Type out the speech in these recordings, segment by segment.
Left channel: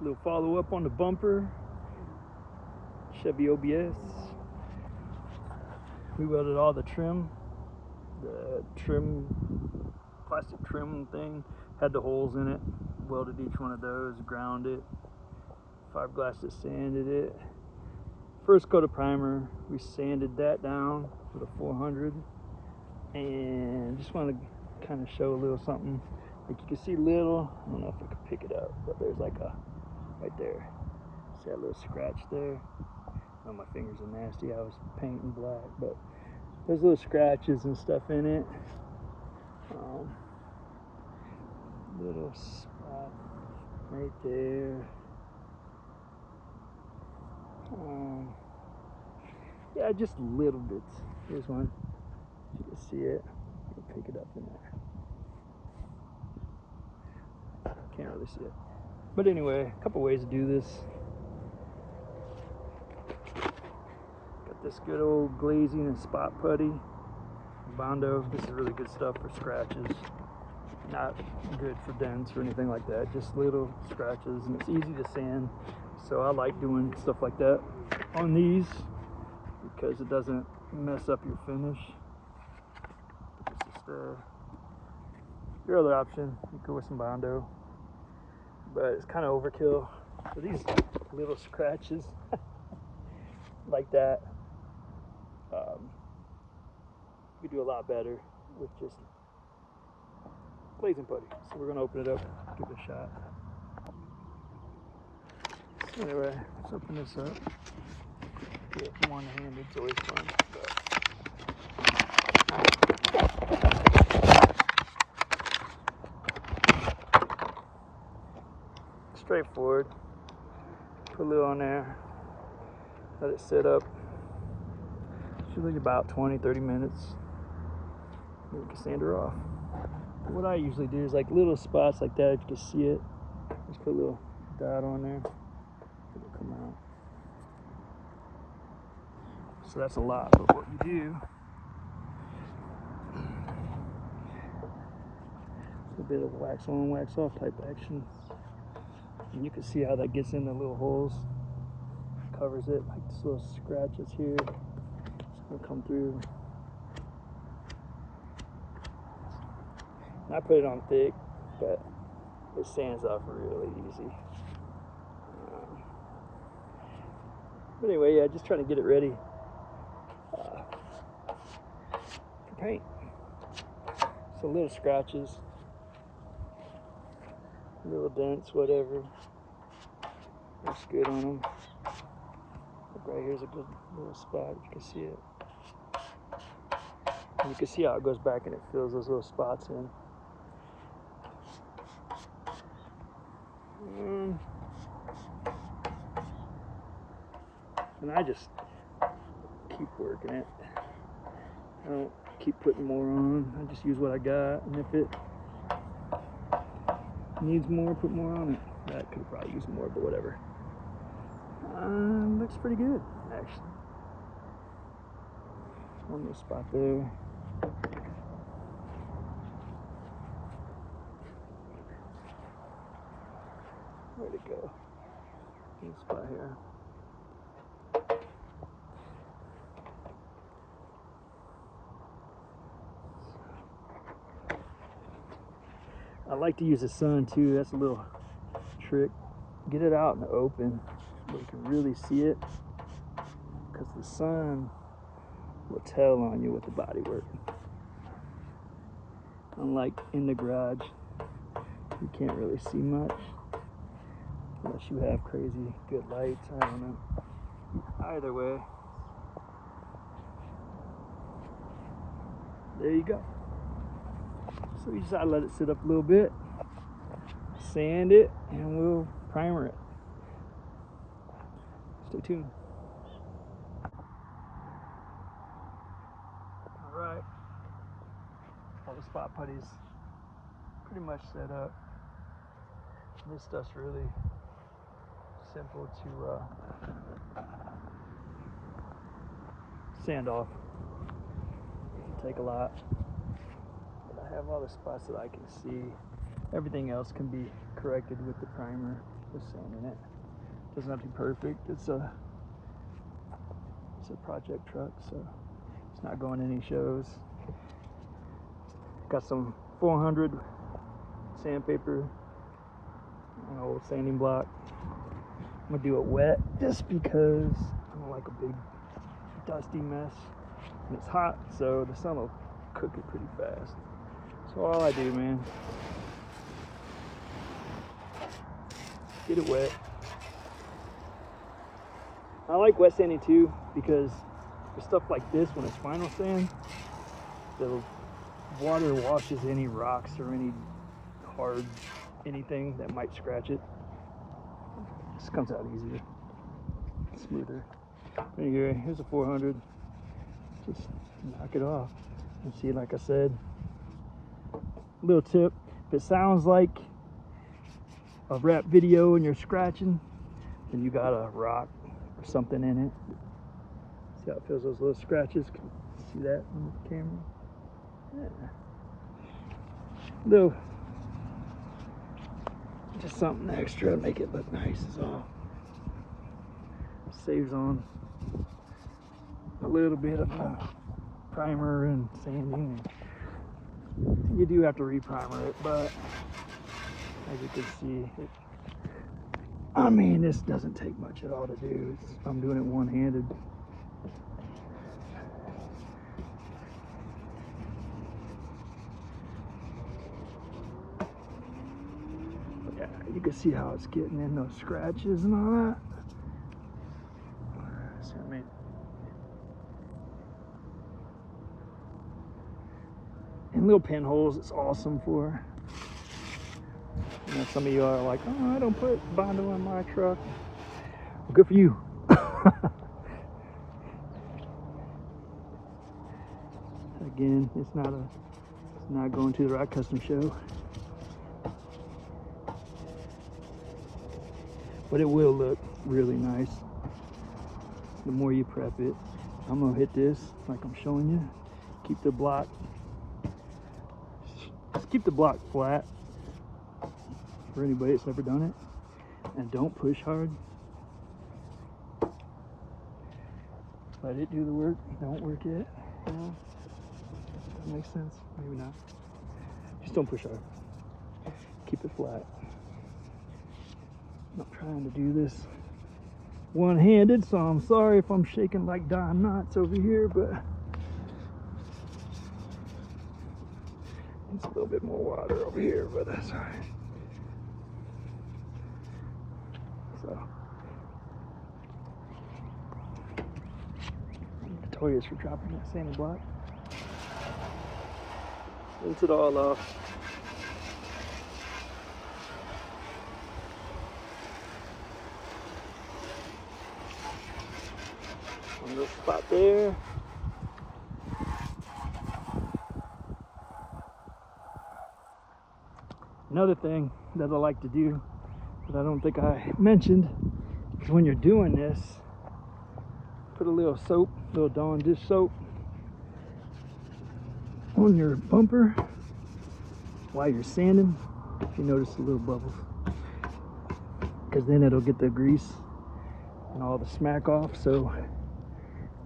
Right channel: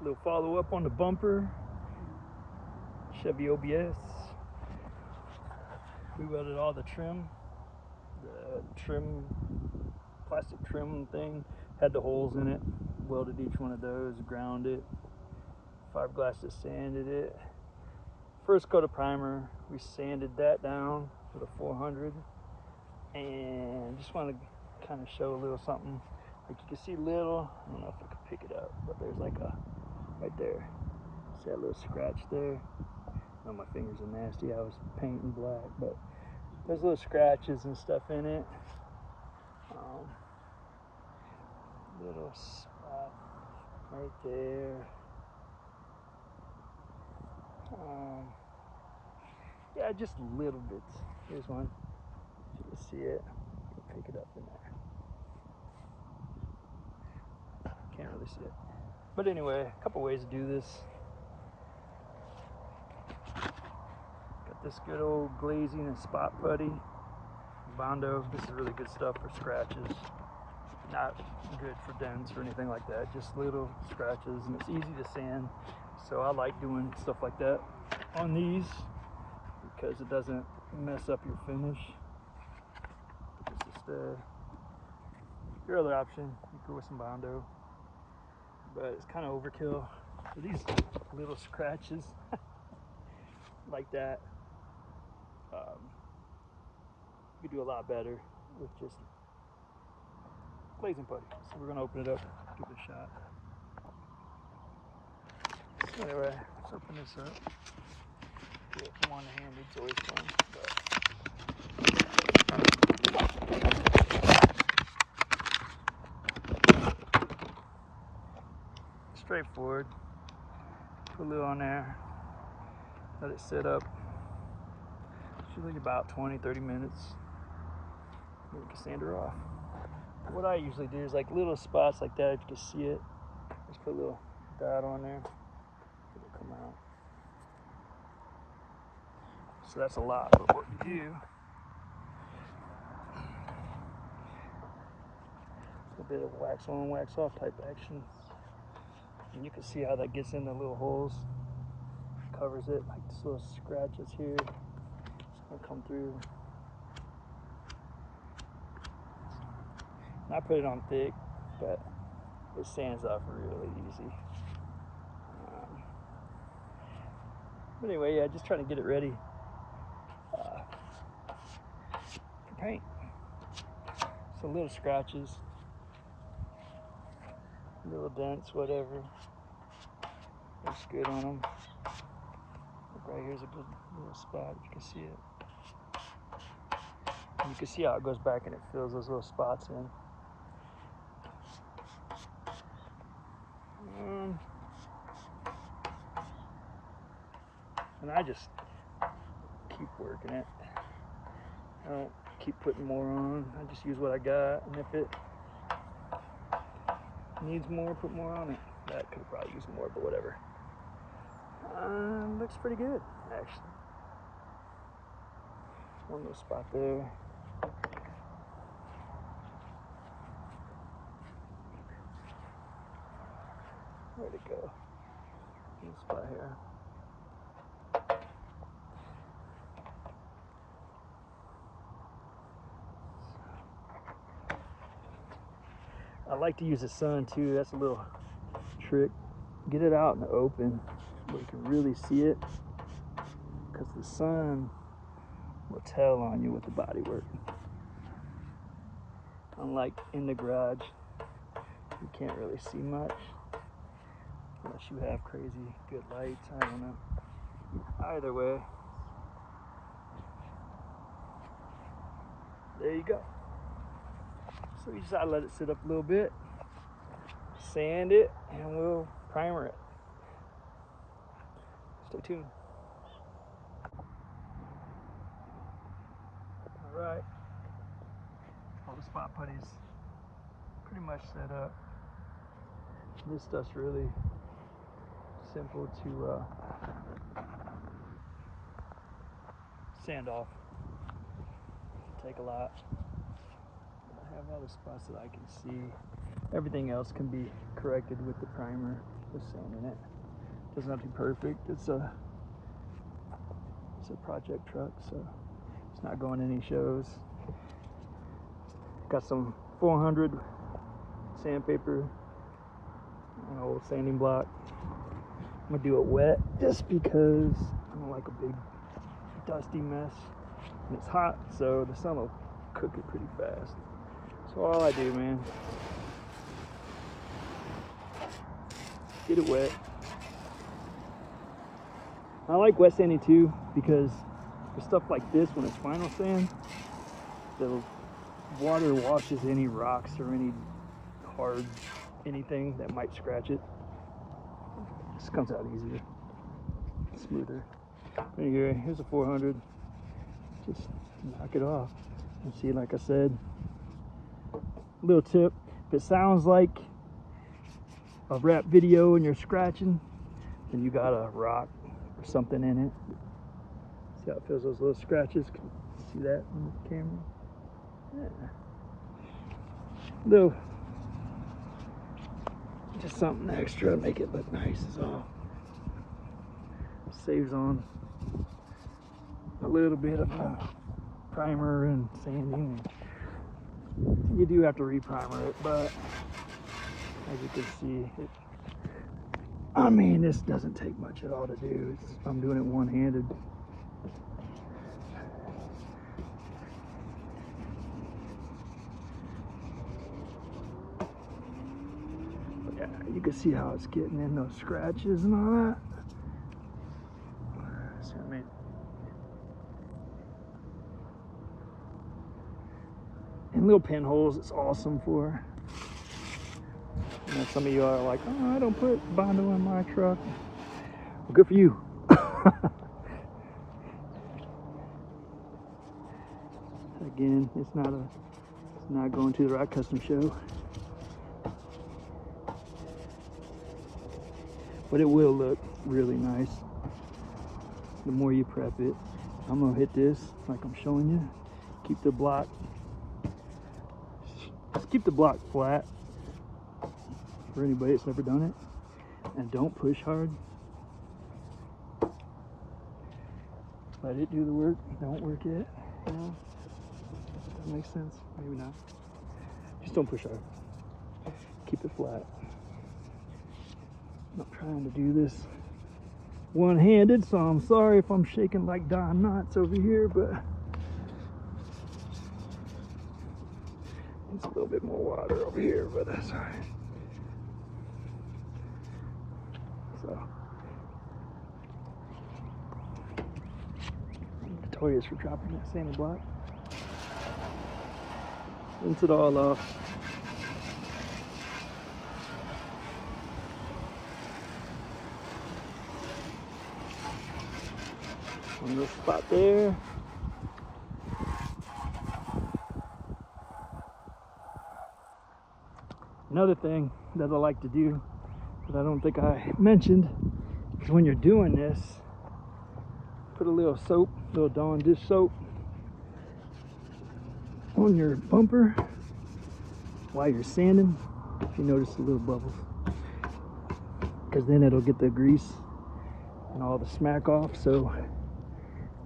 A little follow up on the bumper. Chevy OBS. We welded all the trim. The trim, plastic trim thing had the holes in it. Welded each one of those, ground it. 5 glasses sanded it. First coat of primer, we sanded that down with a 400. And just want to kind of show a little something. Like you can see little, I don't know if you can pick it up, but there's like a, right there. See that little scratch there? Oh, my fingers are nasty. I was painting black, but there's little scratches and stuff in it. Little spot right there. Yeah, just little bits. Here's one. You can see it. You can pick it up in there. Can't really see it. But anyway, a couple ways to do this. Got this good old glazing and spot putty. Bondo. This is really good stuff for scratches. Not good for dents or anything like that. Just little scratches, and it's easy to sand. So I like doing stuff like that on these because it doesn't mess up your finish. Just, your other option, you go with some Bondo, but it's kind of overkill for these little scratches like that. You could do a lot better with just glazing putty. So we're gonna open it up, give it a shot. Anyway, setting this up. One-handed, it's always fun. Straightforward. Put a little on there. Let it sit up. Usually about 20-30 minutes. And you can sand her off. What I usually do is like little spots like that, you can see it. Just put a little dot on there. Come on. So that's a lot of what we do. A bit of wax on, wax off type action. And you can see how that gets in the little holes. Covers it, like this little scratches here. They'll come through. And I put it on thick, but it sands off really easy. But anyway, yeah, just trying to get it ready for paint. So little scratches, little dents, whatever. Looks good in them. Right here's a good little spot, if you can see it. And you can see how it goes back and it fills those little spots in. And I just keep working it. I don't keep putting more on. I just use what I got, and if it needs more, put more on it. I could probably use more, but whatever. Looks pretty good, actually. One little spot there. Where'd it go? Let's go here. I like to use the sun too. That's a little trick. Get it out in the open where you can really see it, because the sun will tell on you with the body work. And like in the garage, you can't really see much unless you have crazy good lights. I don't know. Either way, there you go. So we just gotta let it sit up a little bit, sand it, and we'll primer it. Stay tuned. Alright, all the spot putties pretty much set up. This stuff's really simple to sand off. Take a lot. But I have all the spots that I can see. Everything else can be corrected with the primer with some in it. Doesn't have to be perfect. It's a project truck, so it's not going any shows. Got some 400 sandpaper, sanding block. I'm gonna do it wet just because I don't like a big dusty mess. And it's hot, so the sun will cook it pretty fast. So all I do, man, get it wet. I like wet sanding too because stuff like this, when it's final sand, the water washes any rocks or any hard anything that might scratch it. It just comes out easier, smoother. Anyway, here's a 400. Just knock it off. You see, like I said, little tip. If it sounds like a rap video and you're scratching, then you got a rock or something in it. See how it feels, those little scratches? Can you see that on the camera? Yeah. Little, just something extra to make it look nice is all. Saves on a little bit of primer and sanding. You do have to re-primer it, but as you can see, I mean, this doesn't take much at all to do. I'm doing it one-handed. Yeah, you can see how it's getting in those scratches and all that. So, I mean, and little pinholes, it's awesome for. And some of you are like, oh, I don't put binder on my truck. Well, good for you. Again, it's not going to the right custom show, but it will look really nice the more you prep it. I'm gonna hit this like I'm showing you. Keep the block. Just keep the block flat. For anybody that's ever done it, and don't push hard. Let it do the work. Not work yet. Yeah. Makes sense. Maybe not. Just don't push hard. Keep it flat. I'm not trying to do this one-handed, so I'm sorry if I'm shaking like Don Knotts over here, but it's a little bit more water over here, but that's all right. Notorious for dropping that same block. Rinse it all off. On this spot there. Another thing that I like to do that I don't think I mentioned is when you're doing this, put a little soap, little Dawn dish soap on your bumper while you're sanding. If you notice the little bubbles, because then it'll get the grease and all the smack off, so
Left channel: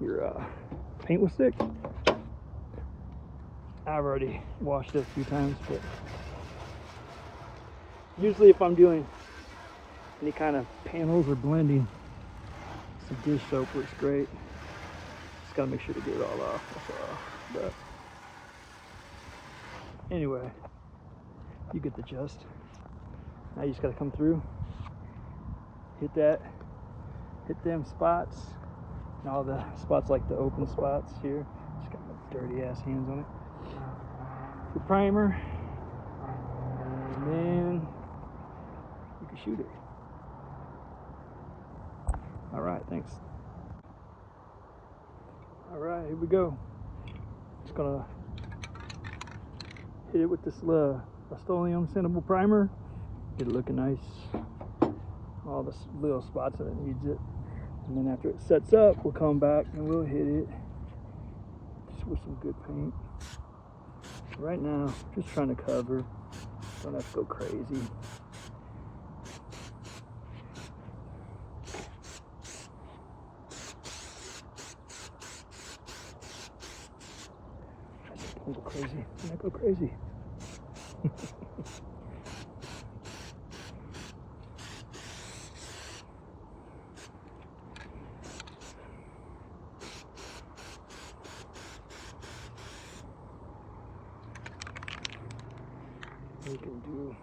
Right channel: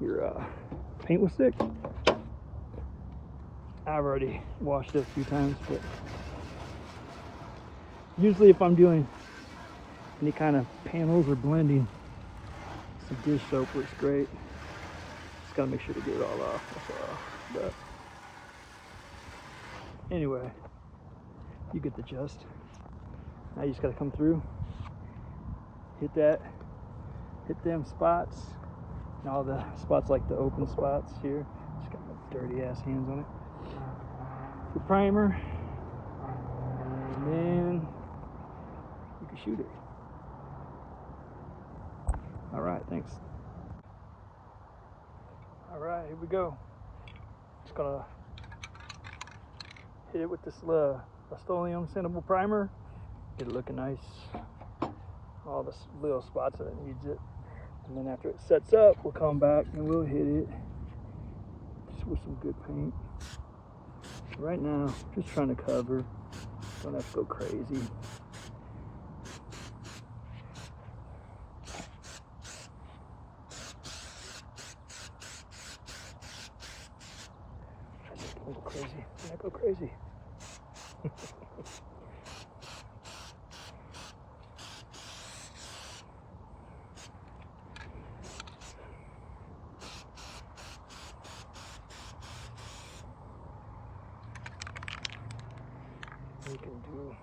your paint will stick. I've already washed it a few times, but usually if I'm doing any kind of panels or blending, some dish soap works great. Just gotta make sure to get it all off. But anyway, you get the gist. Now you just gotta come through, hit them spots, and all the spots like the open spots here. Just got my dirty ass hands on it. The primer, and then you can shoot it. All right, thanks. All right, here we go. Just gonna hit it with this Rust-Oleum sandable primer. Get it looking nice. All the little spots that it needs it. And then after it sets up, we'll come back and we'll hit it just with some good paint. Right now, just trying to cover Don't have to go crazy. Don't go crazy. Don't go crazy. We can do.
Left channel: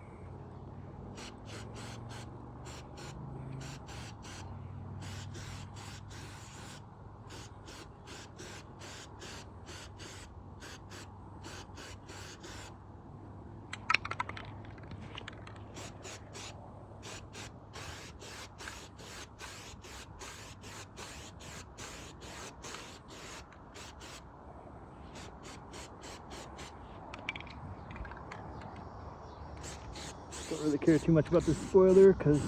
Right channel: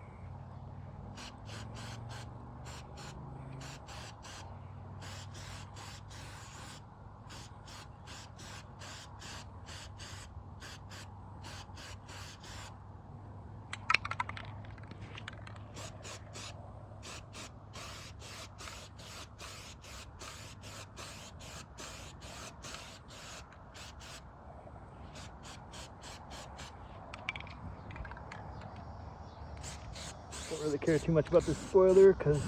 Don't really care too much about the spoiler because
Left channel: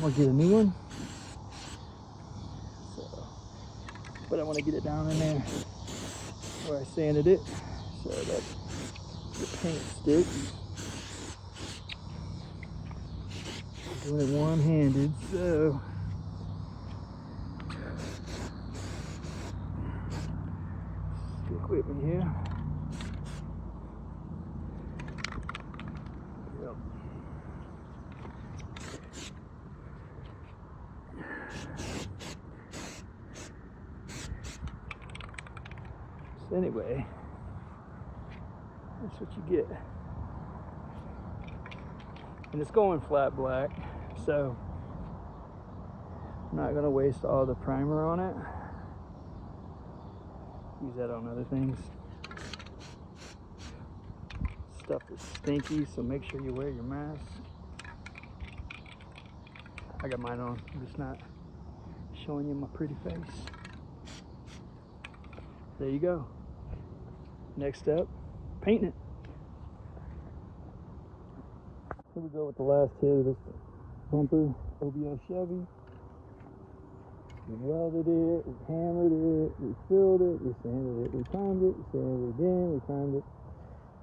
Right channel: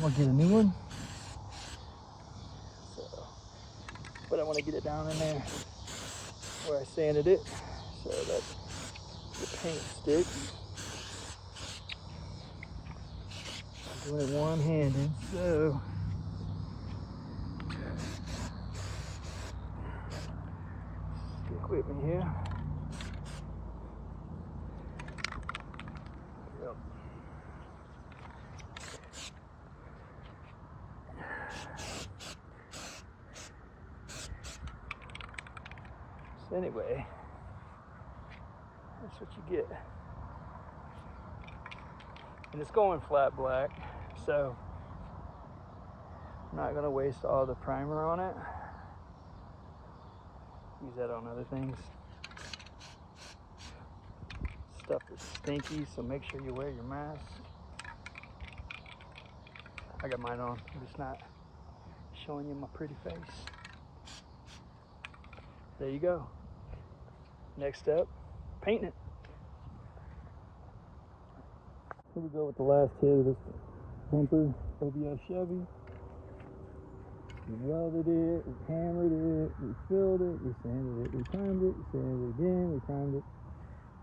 I'll get a new one. But I want to get it down in there where I sanded it so that the paint sticks. Doing it one-handed, so stick with me here. So anyway, that's what you get. And it's going flat black, so I'm not gonna waste all the primer on it. Use that on other things. Stuff is stinky, so make sure you wear your mask. I got mine on, I'm just not showing you my pretty face. There you go. Next step, painting it. Here we go with the last hit of this bumper, OBS Chevy. We welded it, we hammered it, we filled it, we sanded it, we primed it, we sanded it again, we primed it.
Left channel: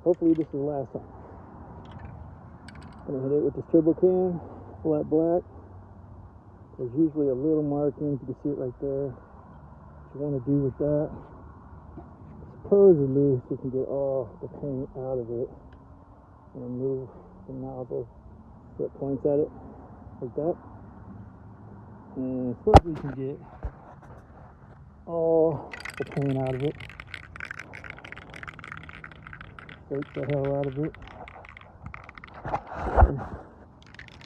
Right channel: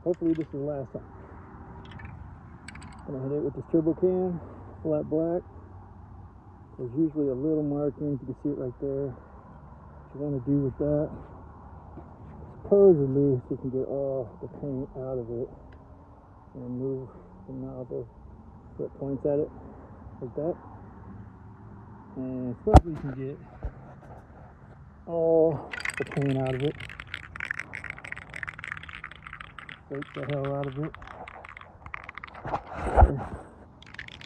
Hopefully this is the last time. Gonna hit it with this turbo can, flat black. There's usually a little marking, you can see it right there. What you want to do with that, supposedly so you can get all the paint out of it and move the nozzle so it points at it like that. And supposedly you can get all the paint out of it. Take the hell out of it.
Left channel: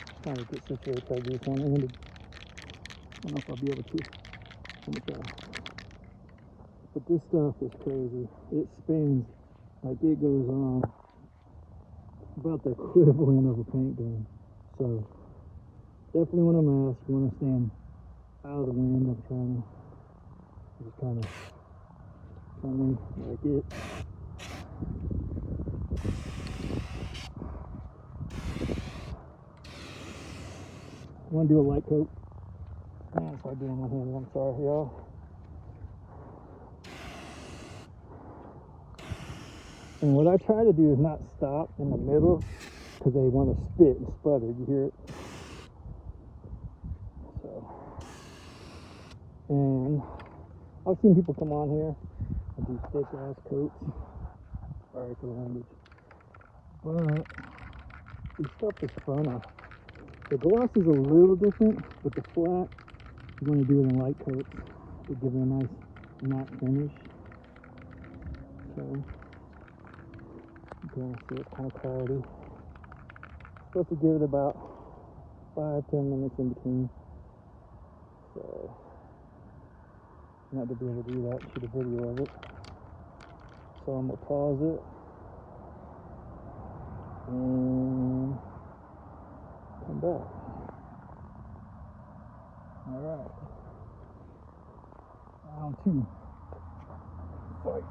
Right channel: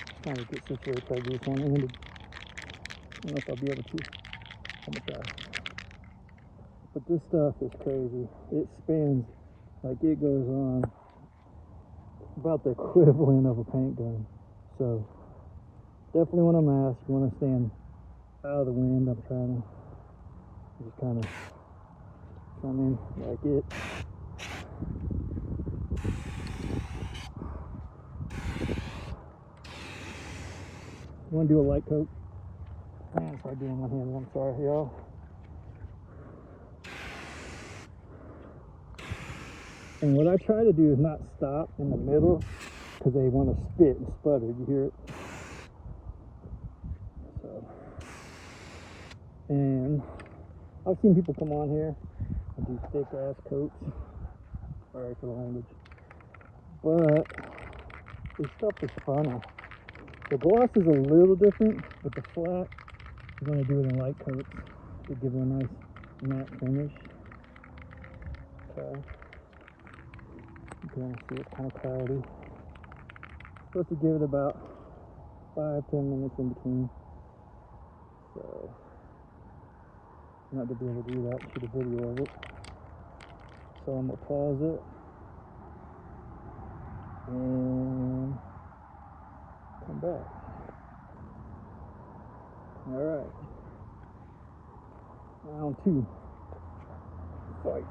Just trying to get situated, try to do this one-handed. I don't know if I'll be able to. I'm gonna try. But this stuff is crazy. It spins like it goes on about the equivalent of a paint gun. So definitely want a mask. You want to stand out of the wind. I'm trying to just kind of something like it. I want to do a light coat. Man, it's hard doing one hand. I'm sorry, y'all. And what I try to do is not stop in the middle because they want to spit and sputter. You hear it? So, and I've seen people come on here with these thick ass coats. But this stuff is funner. The gloss is a little different, but the flat, you want to do it in light coats to give it a nice matte finish. Okay. You can see it's kind of cloudy. Supposed to give it about 5-10 minutes in between. So I'm not gonna be able to do that for the video of it. So I'm gonna pause it and come back. Alright. Round 2. Fight.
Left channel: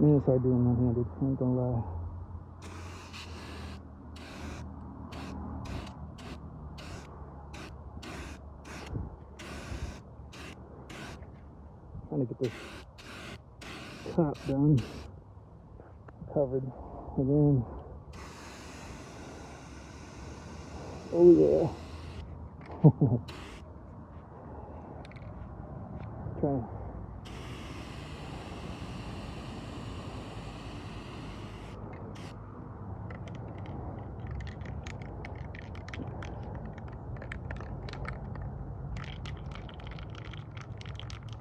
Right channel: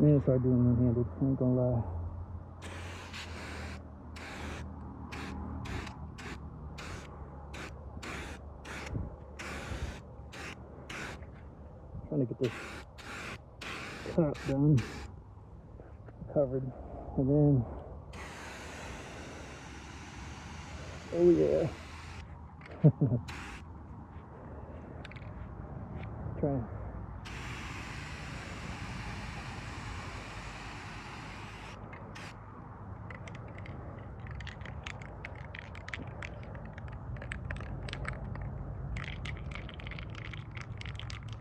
Man, it's hard doing one-handed, I ain't gonna lie. Trying to get this top done, covered, and then Oh yeah. Try.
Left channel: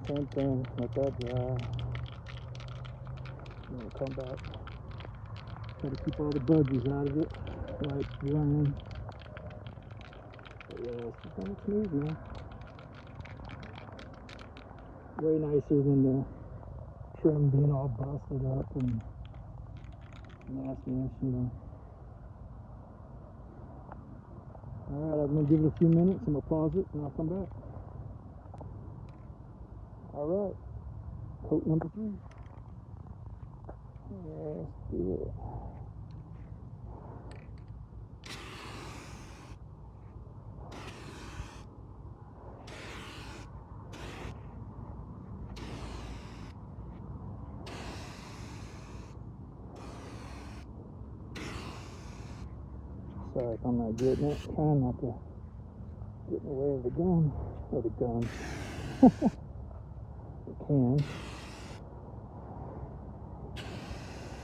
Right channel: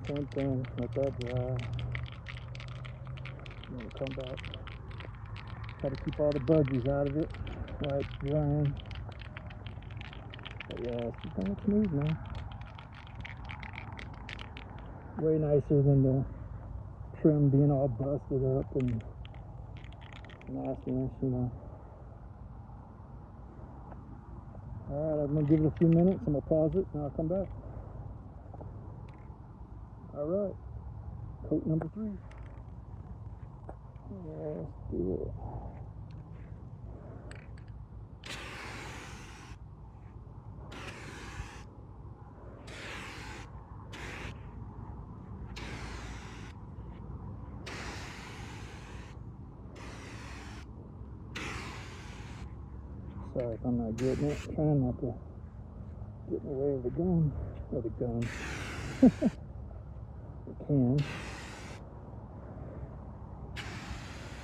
Same thing, let that dry. Then come back. Try to keep all the budgies out of it. Right, drying. Yeah, it's keeping it smooth, man. Way nicer than the trim being all busted up and nastiness, you know. Alright, I'm gonna give it a few minutes. I'm gonna pause it and I'll come back. Alright, coat number 3. Let's do it. Sorry if I'm not getting it. Trying not to get in the way of the gun. Or the gun. The can.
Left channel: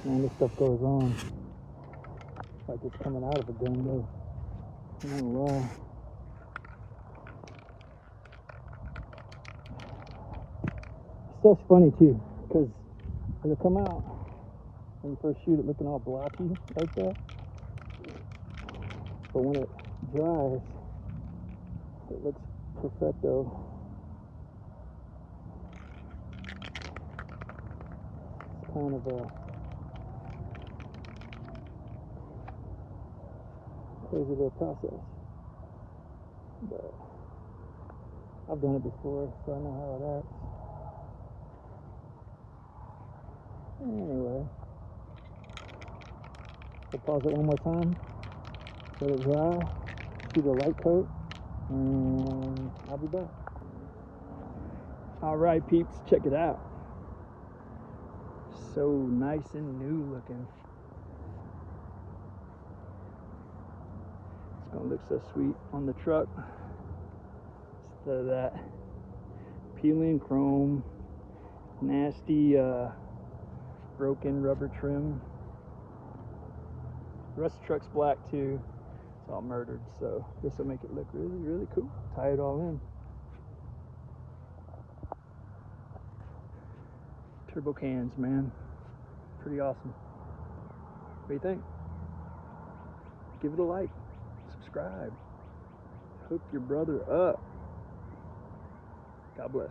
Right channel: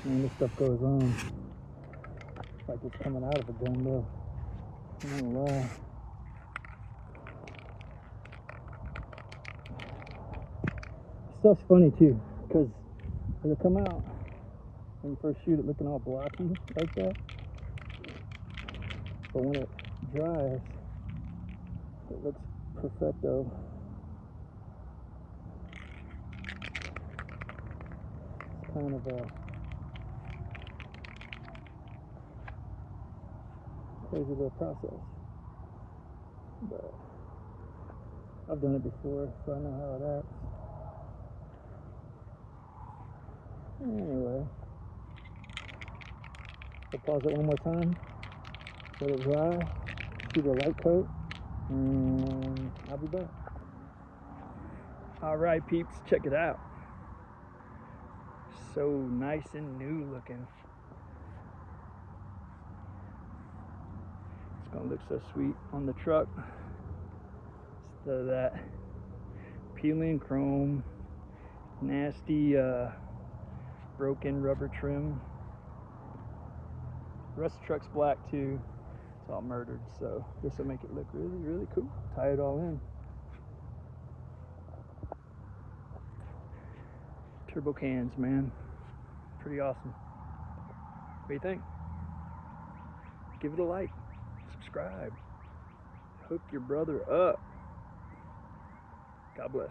Man, this stuff goes on. Like it's coming out of a gun though. I don't know why. Stuff's funny too, because it'll come out when you first shoot it looking all blocky like that. But when it dries, it looks perfecto. It's kind of a crazy little process. But I've done it before, so I know how it acts. Anyway, I'll pause it one more time, let it dry, do the light coat, and I'll be back. Alright peeps, check it out. So nice and new looking. It's gonna look so sweet on the truck instead of that peeling chrome, nasty broken rubber trim. The rest of the truck's black too. It's all murdered, so this will make it look really, really cool. Tie it all in. Turbo cans, man. Pretty awesome. What do you think? Give it a like. Subscribe. Hook your brother up. God bless.